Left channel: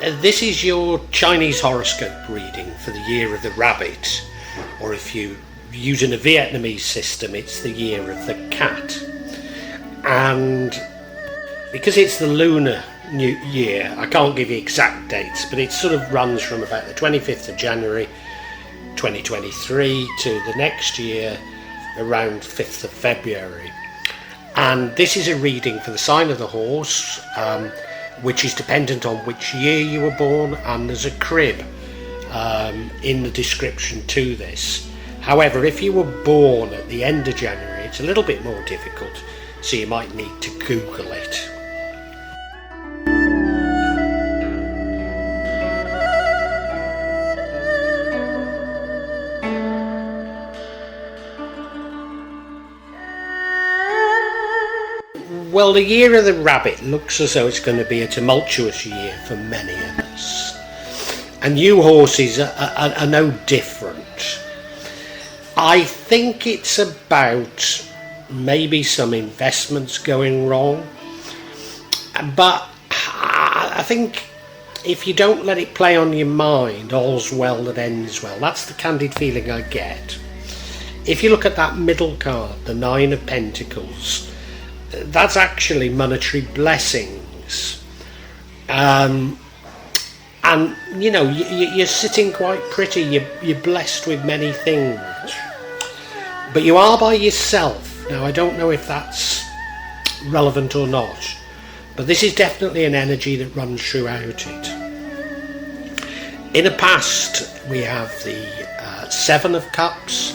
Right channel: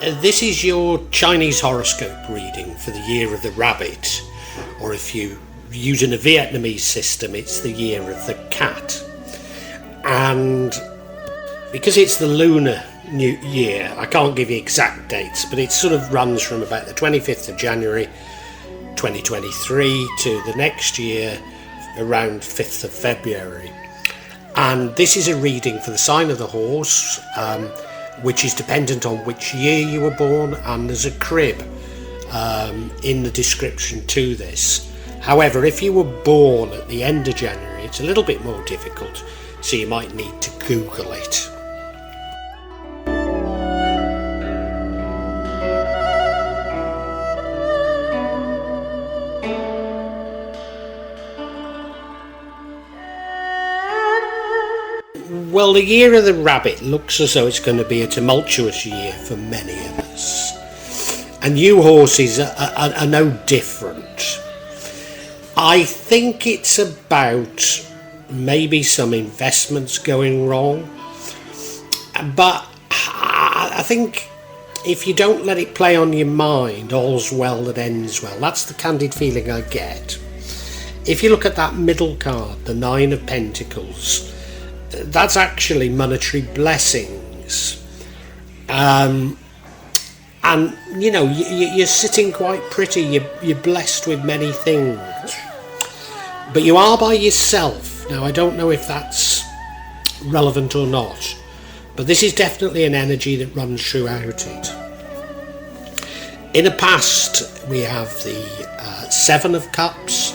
This is your Chinese horoscope reading for the year of the rabbit, or if you using a Vietnamese system, it's the year of the cat. And because it's the lunar new year, I can't give you exact dates, but it sort of runs from about the 25th of January 2023 to the next year around 5th of February. And this is a reading for the sign of the horse, which is dependent on which year you were born, and there's a crib in the description to this. However, if you were born at the end of January, it's a little bit more difficult, so you might need to Google it. Well, the year of the rabbit looks as though it's going to be a tumultuous year for many of us. And you horses are no different. I think it's about maybe some investments going wrong. But I think if you don't let it play on your mind, all's well that ends well. That's the candid feeling I get. If you look at that middle card, the Nine of Pentacles, that's actually monetary blessings. And you know, you're sitting quite pretty, you're blessed with many things, but you are by yourself. Now, I don't know if that's relevant or not, but this is definitely an energy that runs throughout it. In the past, we have the Seven of Cups,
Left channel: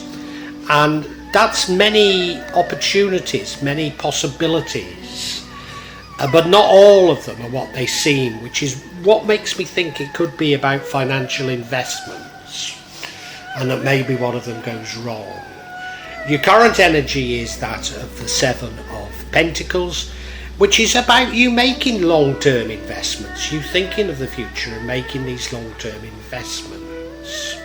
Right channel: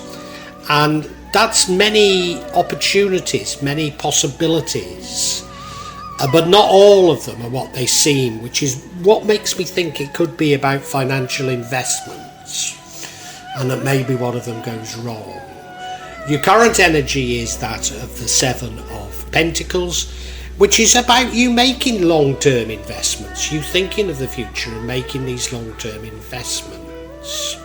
and that's many opportunities, many possibilities, but not all of them are what they seem, which is what makes me think it could be about financial investments, and that maybe one of them goes wrong. Your current energy is that of the Seven of Pentacles, which is about you making long-term investments, you thinking of the future and making these long-term investments.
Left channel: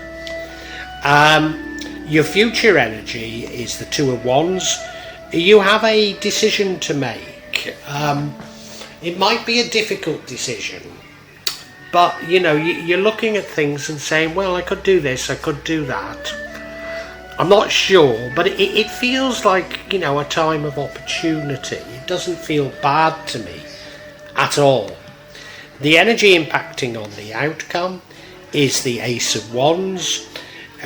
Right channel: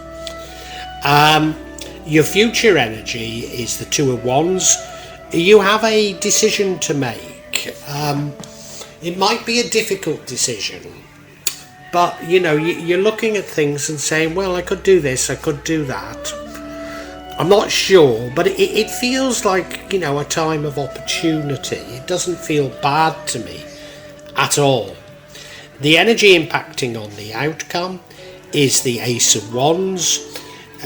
Your future energy is the Two of Wands. You have a decision to make. It might be a difficult decision, but you know, you're looking at things and saying, well, I could do this, I could do that. I'm not sure, but it feels like, you know, a time of opportunity. It doesn't feel bad to me at all. The energy impacting on the outcome is the Ace of Wands,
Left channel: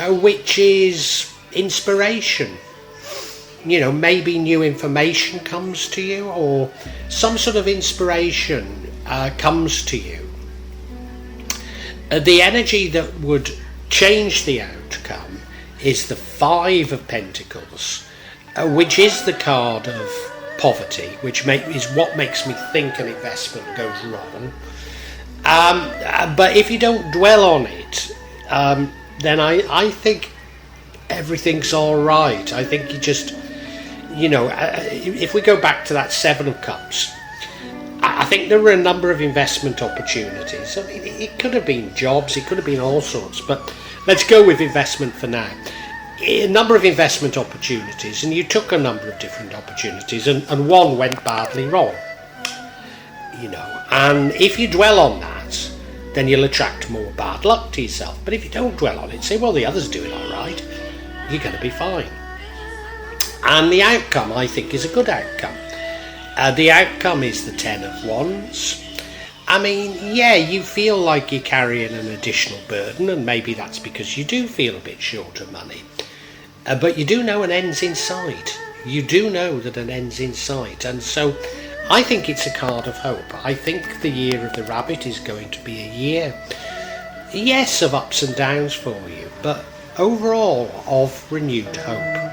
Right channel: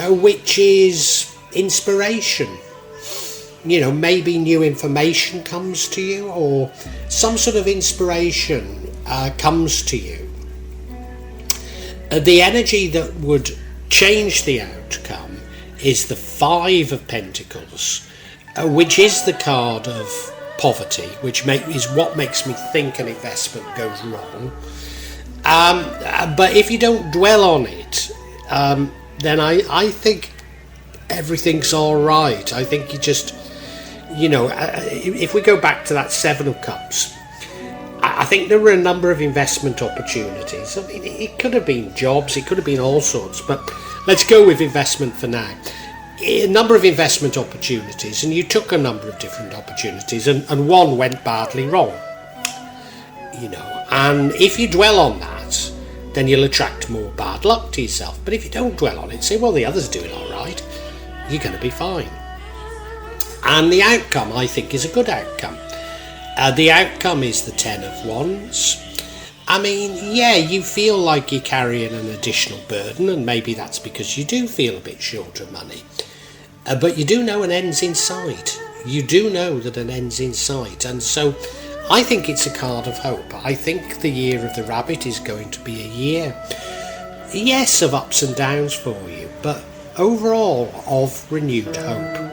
which is inspiration. You know, maybe new information comes to you, or some sort of inspiration comes to you. The energy that would change the outcome is the Five of Pentacles, which is the card of poverty, which is what makes me think an investment goes wrong. But if you don't dwell on it, then I think everything's all right. I think you just, you know, if we go back to that Seven of Cups, I think there were a number of investment opportunities. I mean, it could have been jobs, it could have been all sorts, but let's go with investment for now. A number of investment opportunities, and you took a number of different opportunities, and one went badly wrong. You know, and if you dwell on that, then you'll attract more bad luck to yourself. But if you don't dwell on it, say, well, the other's doing all right, you're going to be fine. And the outcome, I think, is a good outcome. The outcome is the Ten of Wands. I mean, yeah, you feel like you're carrying an additional burden, and maybe that's because you do feel a bit short of money. But you do know an end's in sight. You do know that an end's in sight. And so I think it's a card of hope. I think the year of the rabbit is going to be a year, yes, of ups and downs for you, but overall of renewed hope.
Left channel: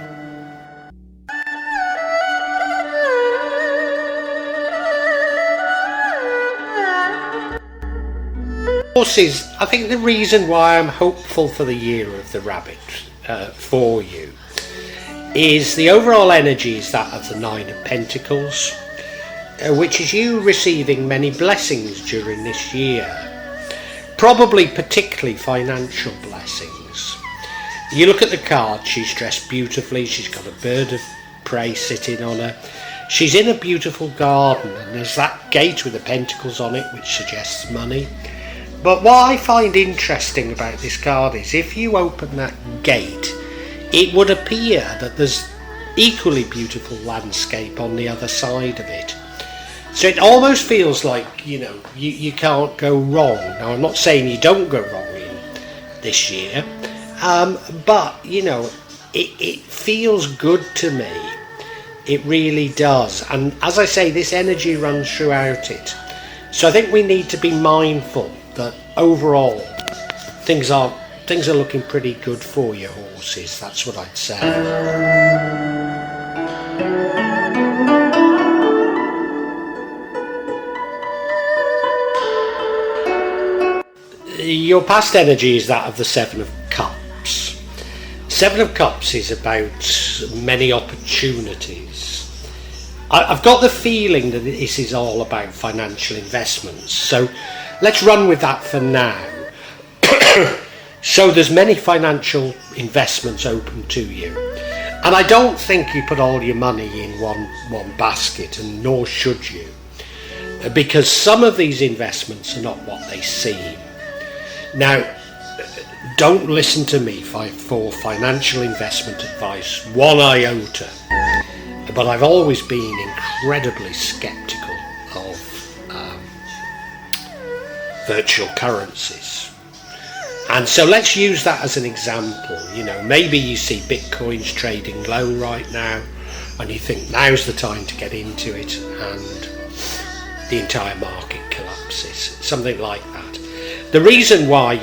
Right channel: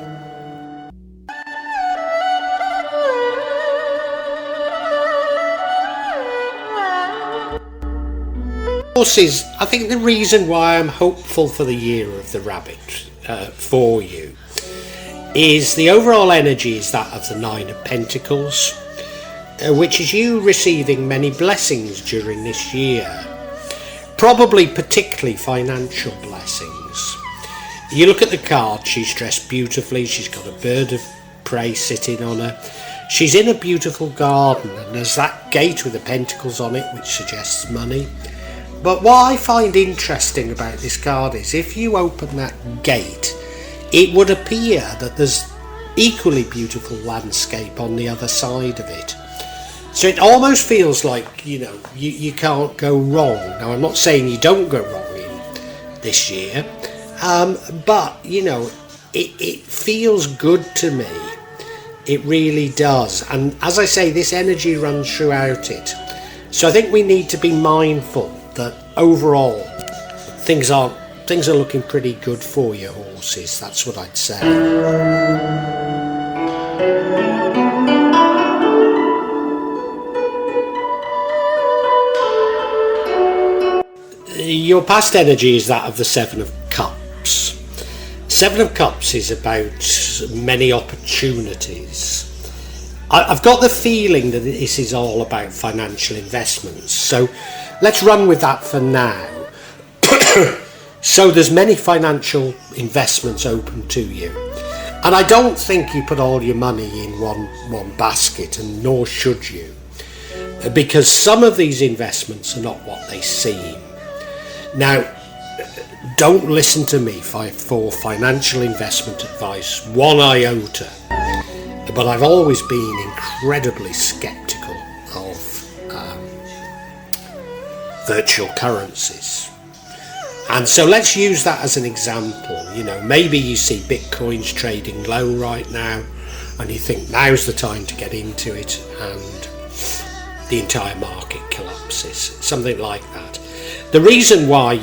Horses, I think the reason why I'm hopeful for the year of the rabbit for you is the overall energy is that of the Nine of Pentacles, which is you receiving many blessings during this year, probably particularly financial blessings. You look at the card, she's dressed beautifully, she's got a bird of prey sitting on her, she's in a beautiful garden, and there's that gate with the pentacles on it which suggests money. But what I find interesting about this card is if you open that gate, it would appear that there's equally beautiful landscape on the other side of it. So it almost feels like, you can't go wrong. Now, I'm not saying you don't go wrong in this year, but, it feels good to me. It really does. And as I say, this energy runs throughout it. So I think we need to be mindful that overall things are looking pretty good for your horses. That's what I'd say. Your past energy is that of the Seven of Cups. Seven of Cups is about many opportunities. I've got the feeling that this is all about financial investments. So let's run with that for now. So there's many financial investments open to you. And I don't think you put all your money in one basket, and nor should you. Because some of these investments are not what they seem. Now, don't listen to me for financial investment advice, one iota. But I've always been incredibly sceptical of virtual currencies. And so let's use that as an example. Maybe you see Bitcoin's trading low right now and you think now's the time to get into it, and the entire market collapses. Something like that. The reason why,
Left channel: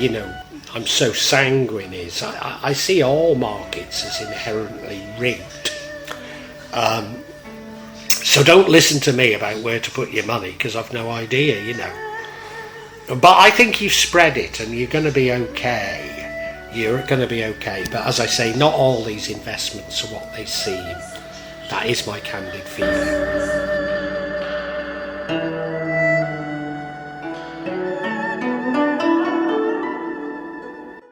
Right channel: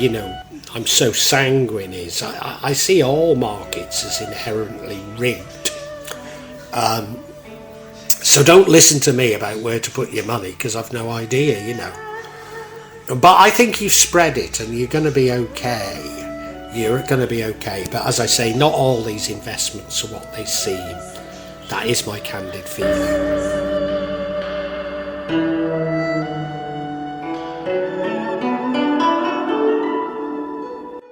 I'm so sanguine is I see all markets as inherently rigged. So don't listen to me about where to put your money, because I've no idea, But I think you've spread it and you're going to be okay. You're going to be okay. But as I say, not all these investments are what they seem. That is my candid feeling.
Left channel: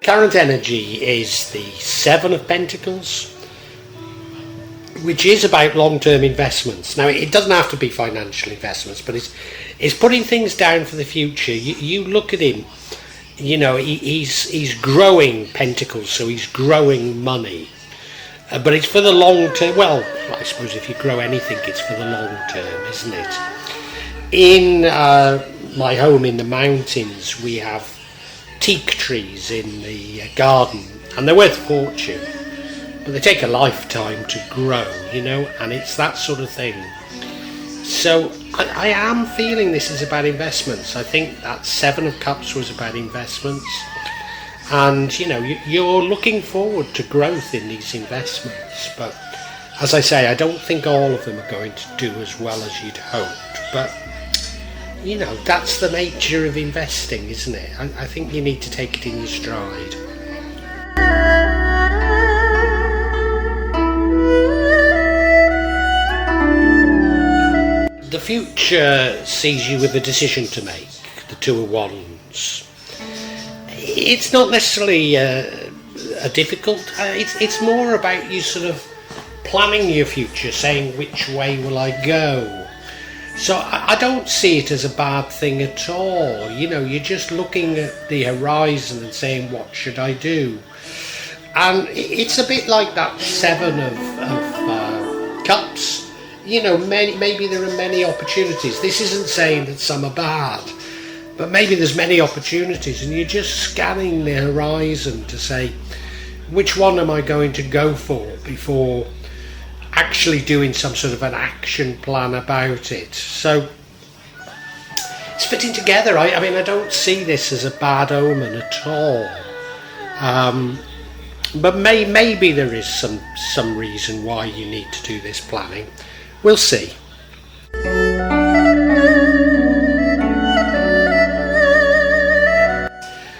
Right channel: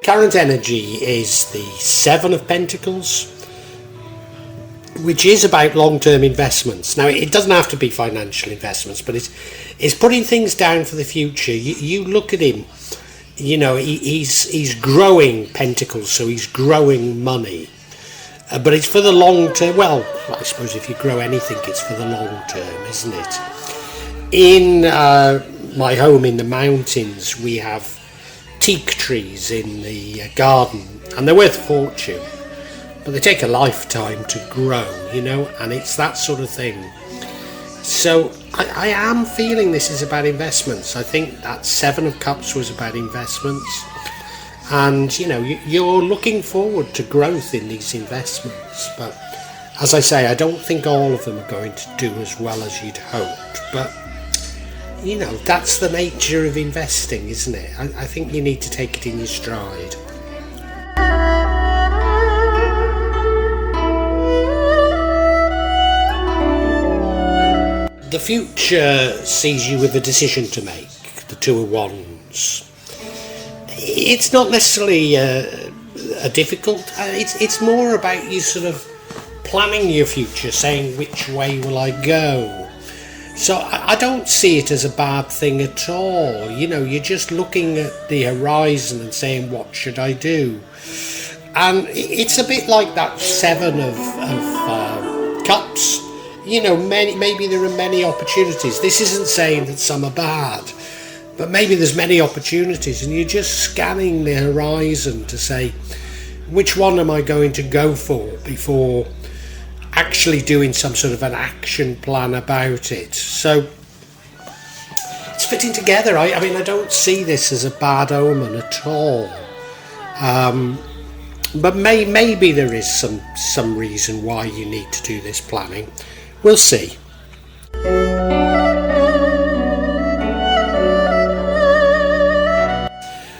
Current energy is the Seven of Pentacles, which is about long-term investments. Now, it doesn't have to be financial investments, but it's putting things down for the future. You look at him, he's growing Pentacles, so he's growing money. But it's for the long term. Well, I suppose if you grow anything, it's for the long term, isn't it? In my home in the mountains, we have teak trees in the garden, and they're worth a fortune. But they take a lifetime to grow, and it's that sort of thing. So I am feeling this is about investments. I think that Seven of Cups was about investments. And, you're looking forward to growth in these investments. But as I say, I don't think all of them are going to do as well as you'd hoped. But, that's the nature of investing, isn't it? I think you need to take it in your stride. The future sees you with a decision to make, the Two of Wands. It's not necessarily a difficult, it's more about you sort of planning your future, saying which way will I go. So I don't see it as a bad thing at all. You're just looking at the horizon and saying, what should I do? And it's a bit like that Seven of Cups. Maybe there are many opportunities. This isn't saying that some are bad, but maybe there's many opportunities, and you're just scanning the horizon to say, which one am I going to go for before actually doing some sort of an action plan about it. So it's fitting together. I mean, I don't see this as a bad omen at all. But maybe there is some reason why you need to do this planning. We'll see.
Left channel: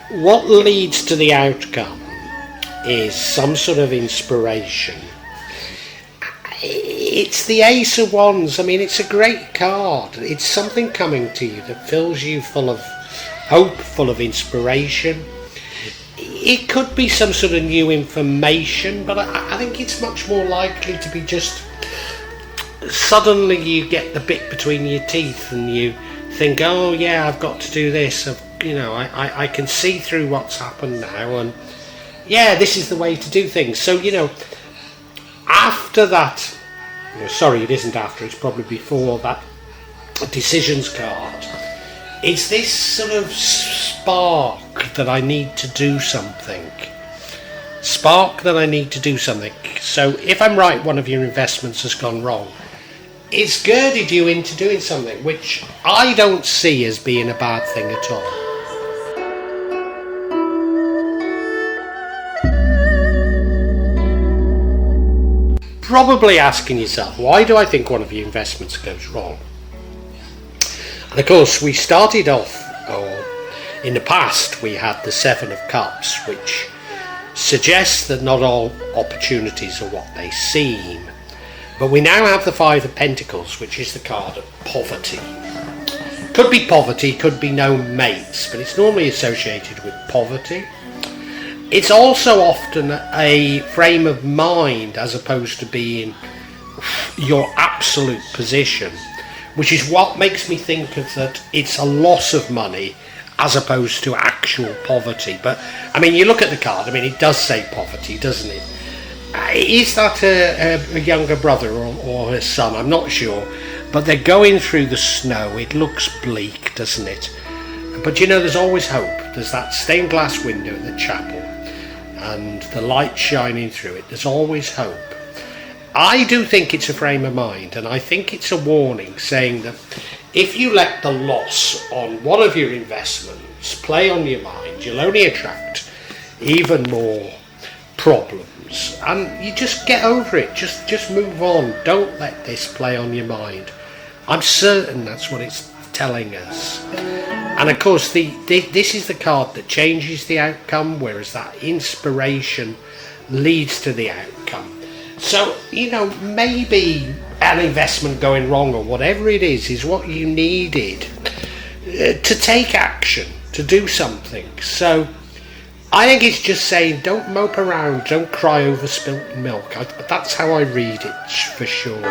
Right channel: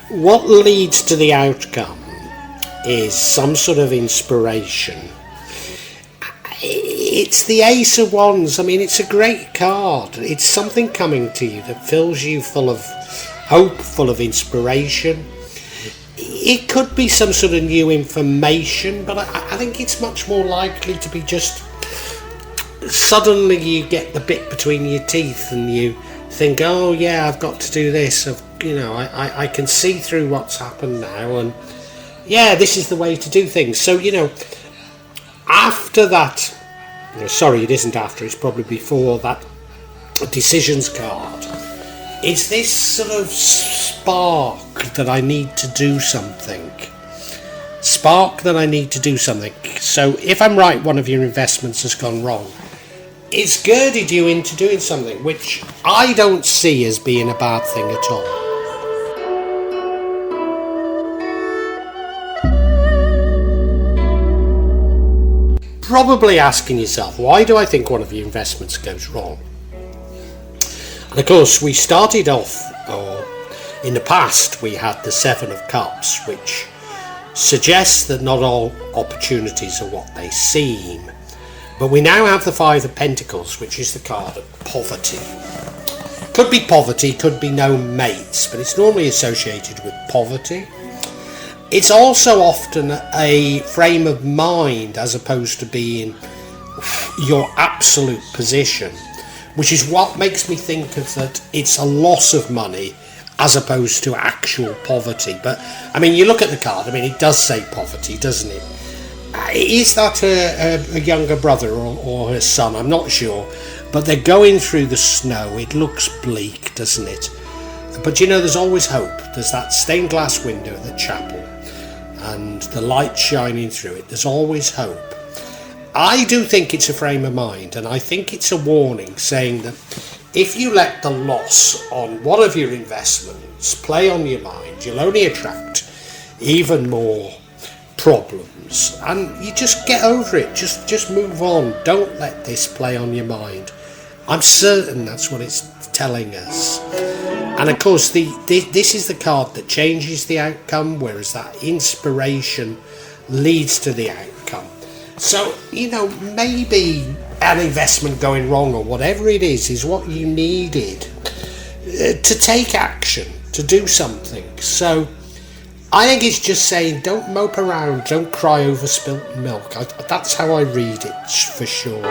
What leads to the outcome is some sort of inspiration. It's the Ace of Wands. I mean, it's a great card. It's something coming to you that fills you full of hope, full of inspiration. It could be some sort of new information, but I think it's much more likely to be just suddenly you get the bit between your teeth and you think, oh yeah, I've got to do this, I've I can see through what's happened now, and yeah, this is the way to do things. So, after that, sorry, it isn't after, it's probably before that decisions card, is this sort of spark that I need to do something. So if I'm right, one of your investments has gone wrong. It's girded you into doing something, which I don't see as being a bad thing at all. Probably asking yourself, why do I think one of your investments goes wrong? And of course, we started off, or in the past, we had the Seven of Cups, which suggests that not all opportunities are what they seem. But we now have the Five of Pentacles, which is the card of poverty. Could be poverty, could be no mates, but it's normally associated with poverty. It's also often a frame of mind as opposed to being your absolute position, which is what makes me think of that it's a loss of money as opposed to actual poverty. But I mean, you look at the card, I mean, it does say poverty, doesn't it? Is that a younger brother or her son? I'm not sure, but they're going through the snow. It looks bleak, doesn't it? But there's always hope. There's that stained glass window at the chapel and the light shining through it. There's always hope. I do think it's a frame of mind, and I think it's a warning saying that if you let the loss on one of your investments play on your mind, you'll only attract even more problems, and you just get over it. Just move on. Don't let this play on your mind. I'm certain that's what it's telling us. And of course, this is the card that changes the outcome, whereas that inspiration leads to the outcome. So, maybe an investment going wrong or whatever it is what you needed to take action, to do something. So I think it's just saying, don't mope around, don't cry over spilt milk. That's how I read it, for sure.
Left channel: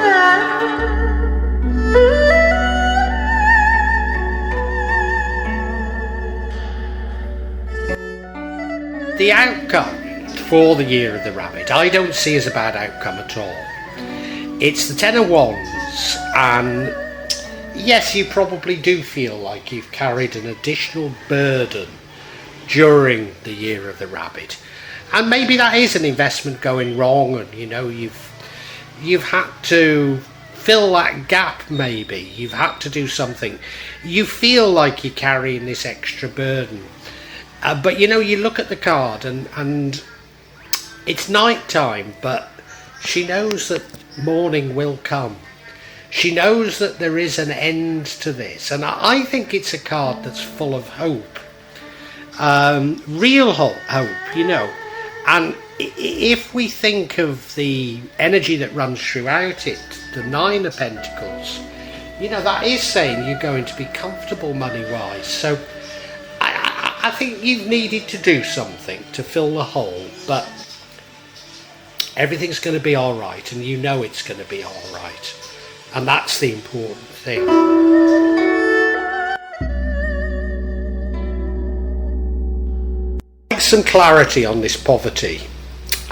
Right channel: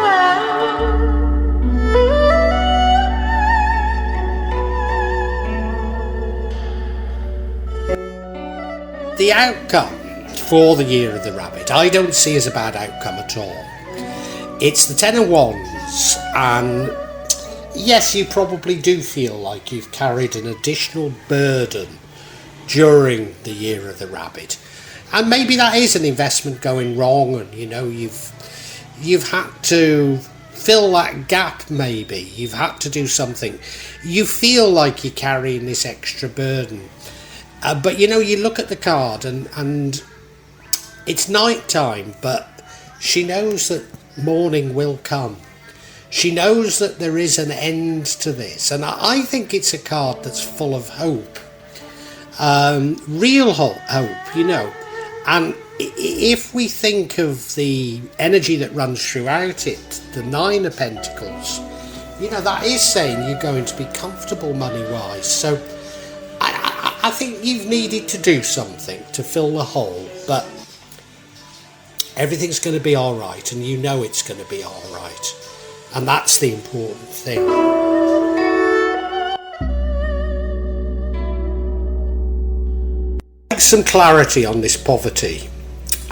The outcome for the Year of the Rabbit, I don't see as a bad outcome at all. It's the Ten of Wands, and yes, you probably do feel like you've carried an additional burden during the Year of the Rabbit, and maybe that is an investment going wrong, and you've had to fill that gap. Maybe you've had to do something. You feel like you're carrying this extra burden, but you look at the card and it's night time, but she knows that morning will come. She knows that there is an end to this, and I think it's a card that's full of hope. Real hope, and if we think of the energy that runs throughout it, the Nine of Pentacles, that is saying you're going to be comfortable money-wise. So I think you've needed to do something to fill the hole, but everything's going to be all right, and it's going to be all right, and that's the important thing. Some clarity on this poverty,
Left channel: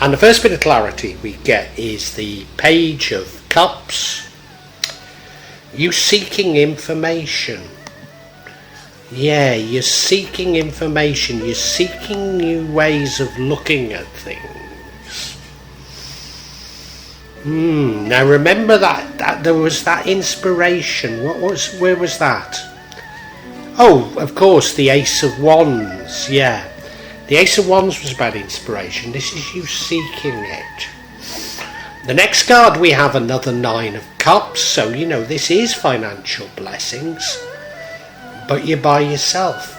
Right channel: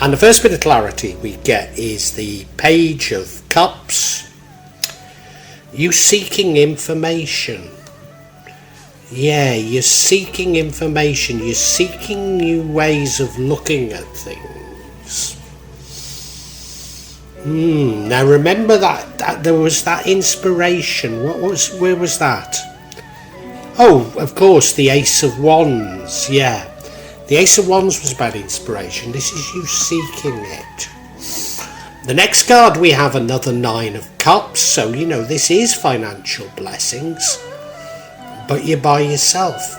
and the first bit of clarity we get is the Page of Cups. You seeking information. Yeah, you're seeking information. You're seeking new ways of looking at things. Now remember that there was that inspiration. Where was that? Oh, of course, the Ace of Wands. Yeah. The Ace of Wands was about inspiration. This is you seeking it. The next card we have another Nine of Cups. So, this is financial blessings. But you're by yourself.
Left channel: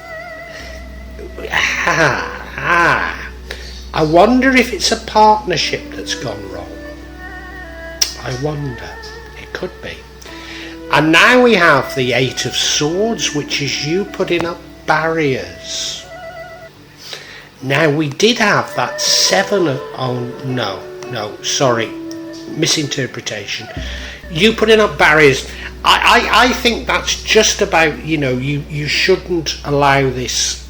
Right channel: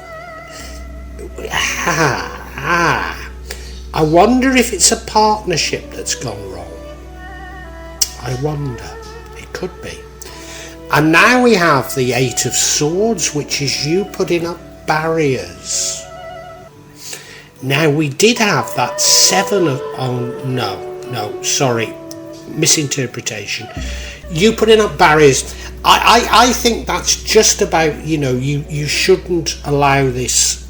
I wonder if it's a partnership that's gone wrong. I wonder. It could be. And now we have the Eight of Swords, which is you putting up barriers. Now we did have that Seven of... sorry, misinterpretation. You putting up barriers. I think that's just about, you shouldn't allow this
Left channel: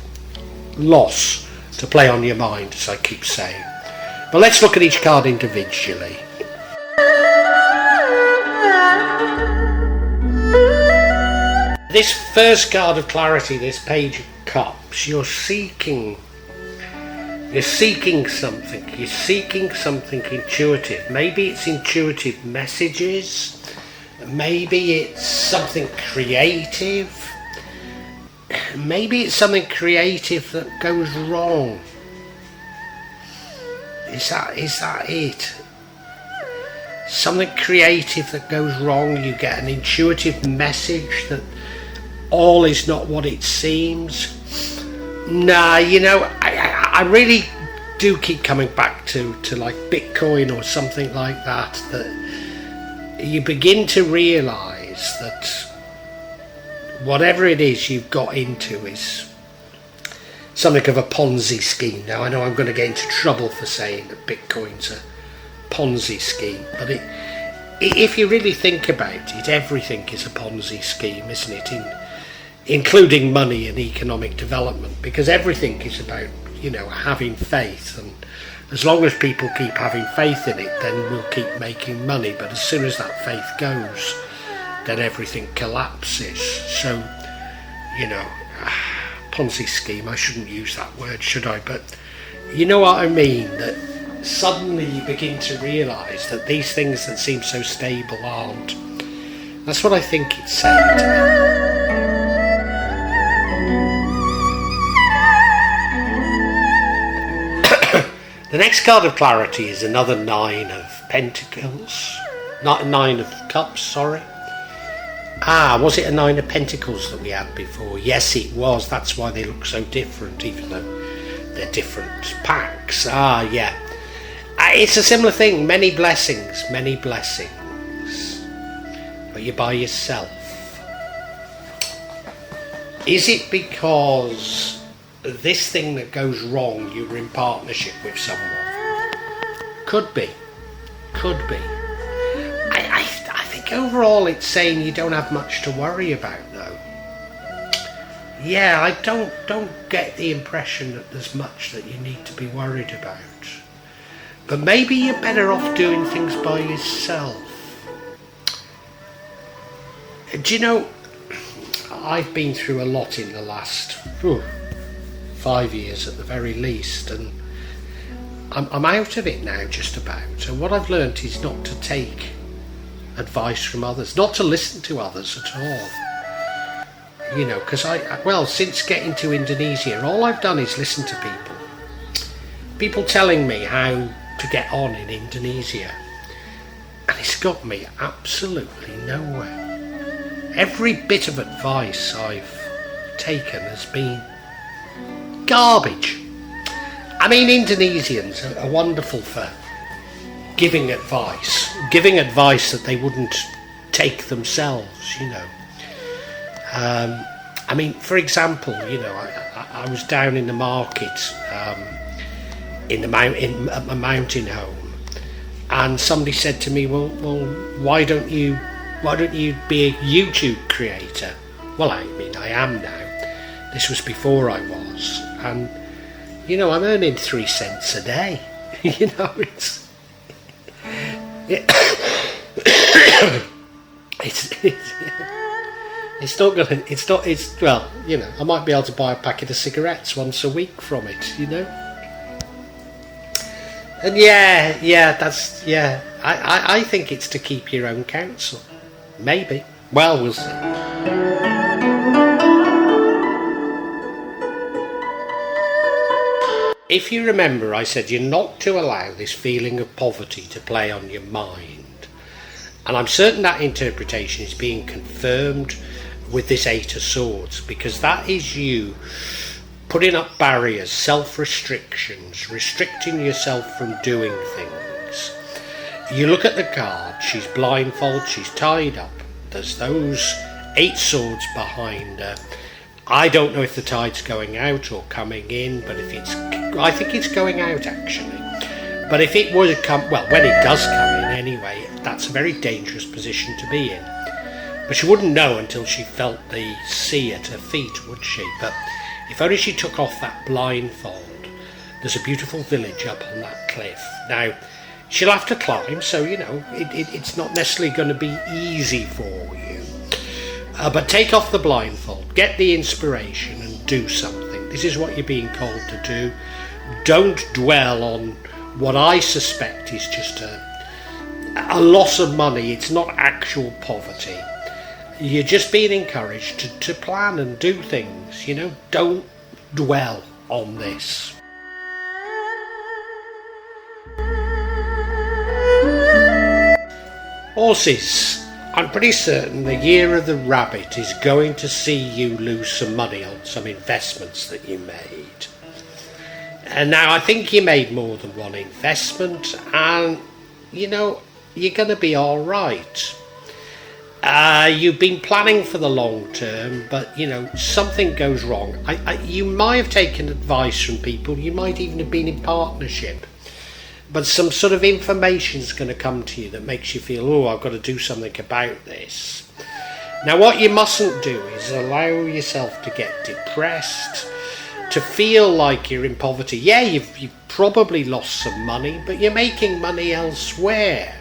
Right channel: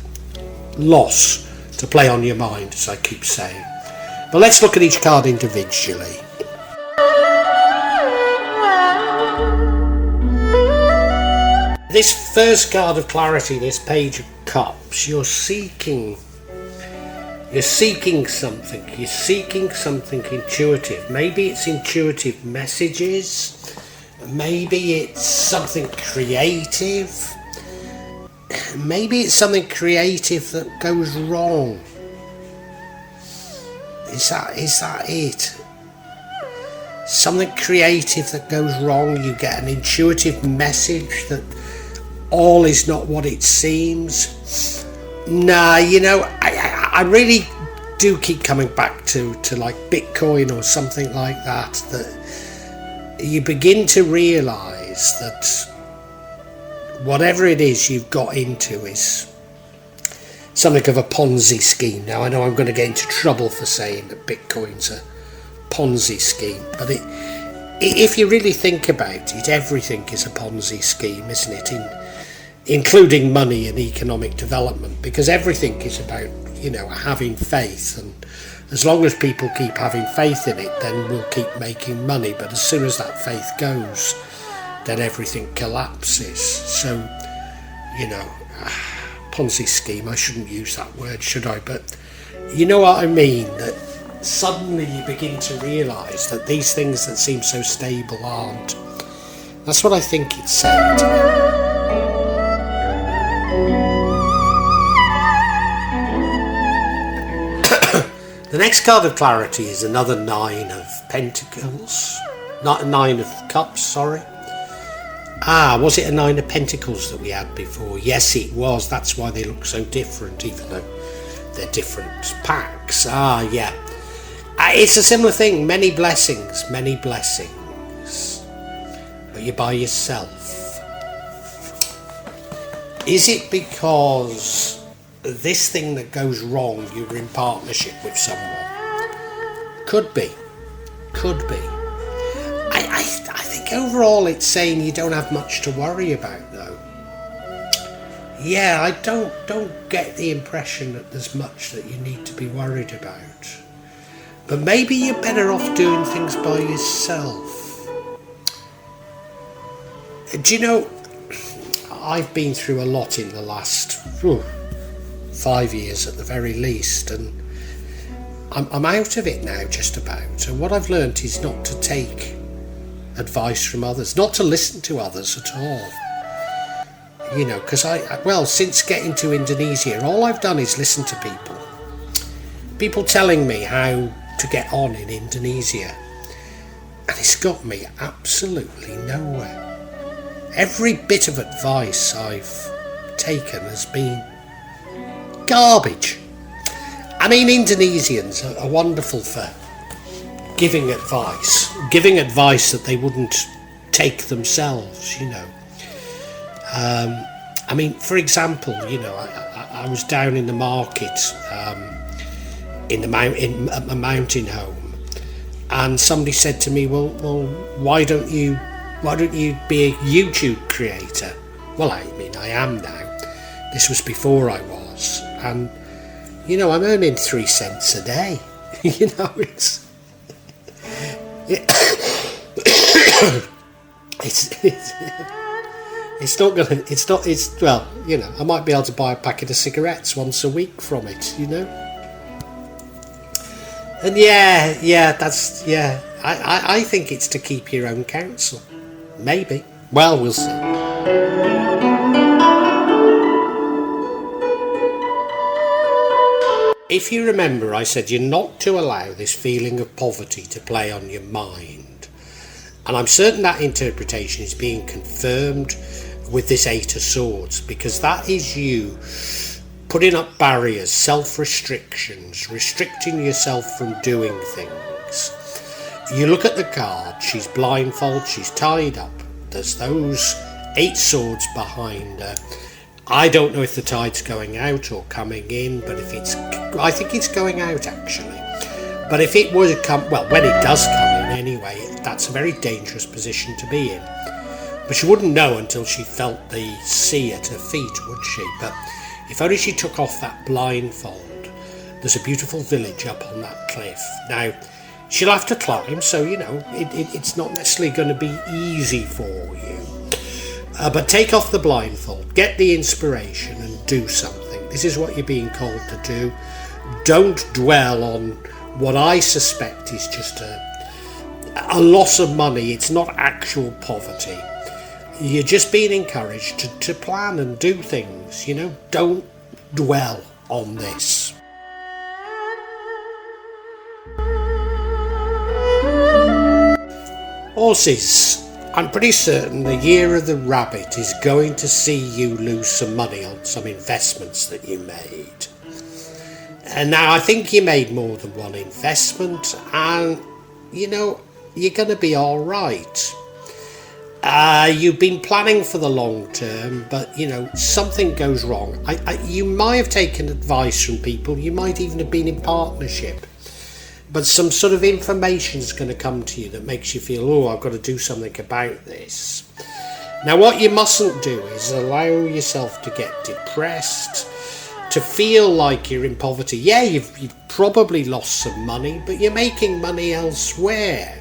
loss to play on your mind, as I keep saying. But let's look at each card individually. This first card of clarity, this Page of Cups, you're seeking something. You're seeking something intuitive. Maybe it's intuitive messages. Maybe it's something creative. Maybe it's something creative that goes wrong. Is that it? Something creative that goes wrong. You get an intuitive message that all is not what it seems. Nah, I really do keep coming back to like Bitcoin or something like that you begin to realise that whatever it is you've got into is something of a Ponzi scheme. Now, I know I'm going to get into trouble for saying that Bitcoin's a Ponzi scheme, but if you really think about it, everything is a Ponzi scheme, isn't it? Including money and economic development, because everything is about, having faith, and as long as people keep having faith in it, then we'll keep making money. But as soon as that faith goes, then everything collapses. So, Ponzi scheme, I shouldn't use that word, should I? But you know what I mean, that suddenly you begin to realise that these things that seem so stable aren't. That's what I think it's saying to me. The next card of clarity is another Nine of Pentacles. Not a Nine of Cups, sorry. Was it a Nine of Pentacles that we had before? Yes, it was. That's why they look so different, even though they're different packs. Yeah. It's a similar thing. Many blessings. But you're by yourself. Is it because this thing that goes wrong, you're in partnership with someone? Could be. I think overall it's saying you don't have much to worry about, though. Yeah, I don't get the impression that there's much that you need to be worried about. But maybe you're better off doing things by yourself. Do you know, I've been through a lot in the last 5 years at the very least, and I'm out of it now, just about. And what I've learnt is not to take advice from others, not to listen to others at all. Because since getting to Indonesia, all I've done is listen to people telling me how to get on in Indonesia, and it's got me absolutely nowhere. Every bit of advice I've taken has been garbage. I mean, Indonesians are wonderful for giving advice that they wouldn't take themselves, I mean, for example, I was down in the market at my mountain home, and somebody said to me, well, why don't you be a YouTube creator? Well, I mean, I am now. This was before I was. And, I'm earning 3 cents a day. I might be able to buy a packet of cigarettes once a week from it, And I think it's to keep your own counsel. Maybe. Well, we'll see. If you remember, I said you're not to allow this feeling of poverty to play on your mind. And I'm certain that interpretation is being confirmed with this Eight of Swords, because that is you putting up barriers, self-restrictions, restricting yourself from doing things. You look at the card, she's blindfolded, she's tied up. There's those 8 swords behind her. I don't know if the tide's going out or coming in, but I think it's going out actually. But if it were to come, when it does come in anyway, that's a very dangerous position to be in. But she wouldn't know until she felt the sea at her feet, would she? But if only she took off that blindfold. There's a beautiful village up on that cliff. Now, she'll have to climb, so, it's not necessarily going to be easy for you. But take off the blindfold, get the inspiration and do something. This is what you're being called to do. Don't dwell on what I suspect is just a loss of money. It's not actual poverty. You're just being encouraged to plan and do things, Don't dwell on this. Horses, I'm pretty certain the year of the rabbit is going to see you lose some money on some investments that you made. And now I think you made more than one investment, and you're going to be all right. You've been planning for the long term, but something goes wrong. You might have taken advice from people, you might even have been in partnership, but some sort of information is going to come to you that makes you feel, I've got to do something about this. Now, what you mustn't do is allow yourself to get depressed, to feel like you're in poverty. Yeah, you've probably lost some money, but you're making money elsewhere.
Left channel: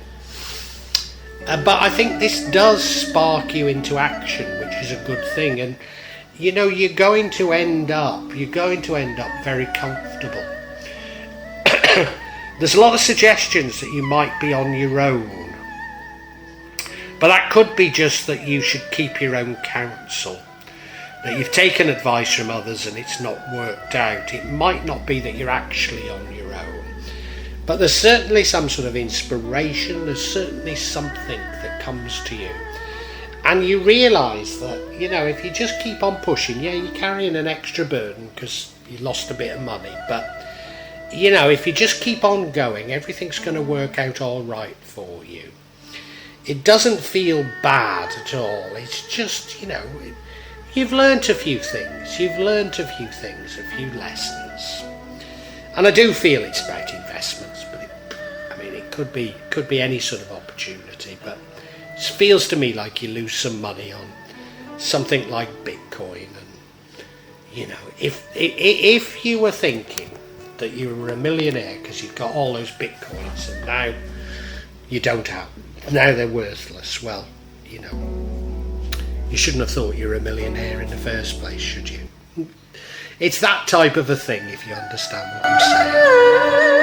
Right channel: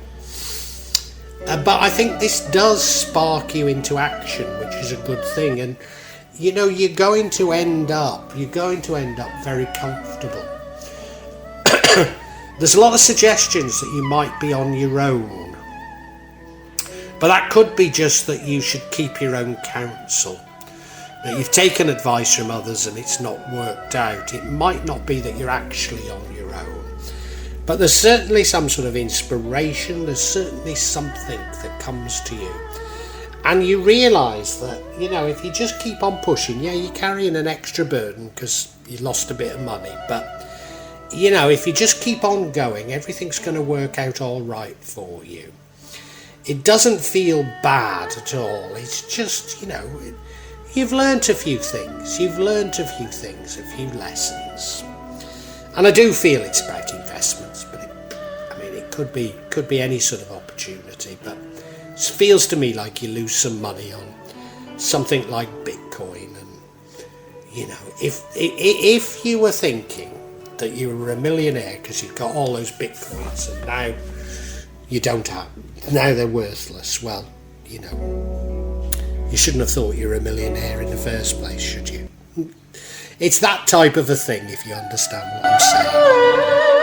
But I think this does spark you into action, which is a good thing. And, you're going to end up very comfortable. There's a lot of suggestions that you might be on your own. But that could be just that you should keep your own counsel. That you've taken advice from others and it's not worked out. It might not be that you're actually on your own. But there's certainly some sort of inspiration, there's certainly something that comes to you. And you realise that, if you just keep on pushing, you're carrying an extra burden because you lost a bit of money. But, if you just keep on going, everything's going to work out all right for you. It doesn't feel bad at all. It's just, you've learnt a few things. A few lessons. And I do feel it's about investments, but it could be any sort of opportunity. But it feels to me like you lose some money on something like Bitcoin. And if you were thinking that you were a millionaire because you've got all those Bitcoins and now you don't have, now they're worthless, well, you shouldn't have thought you were a millionaire in the first place, should you? It's that type of a thing, if you understand what I'm saying.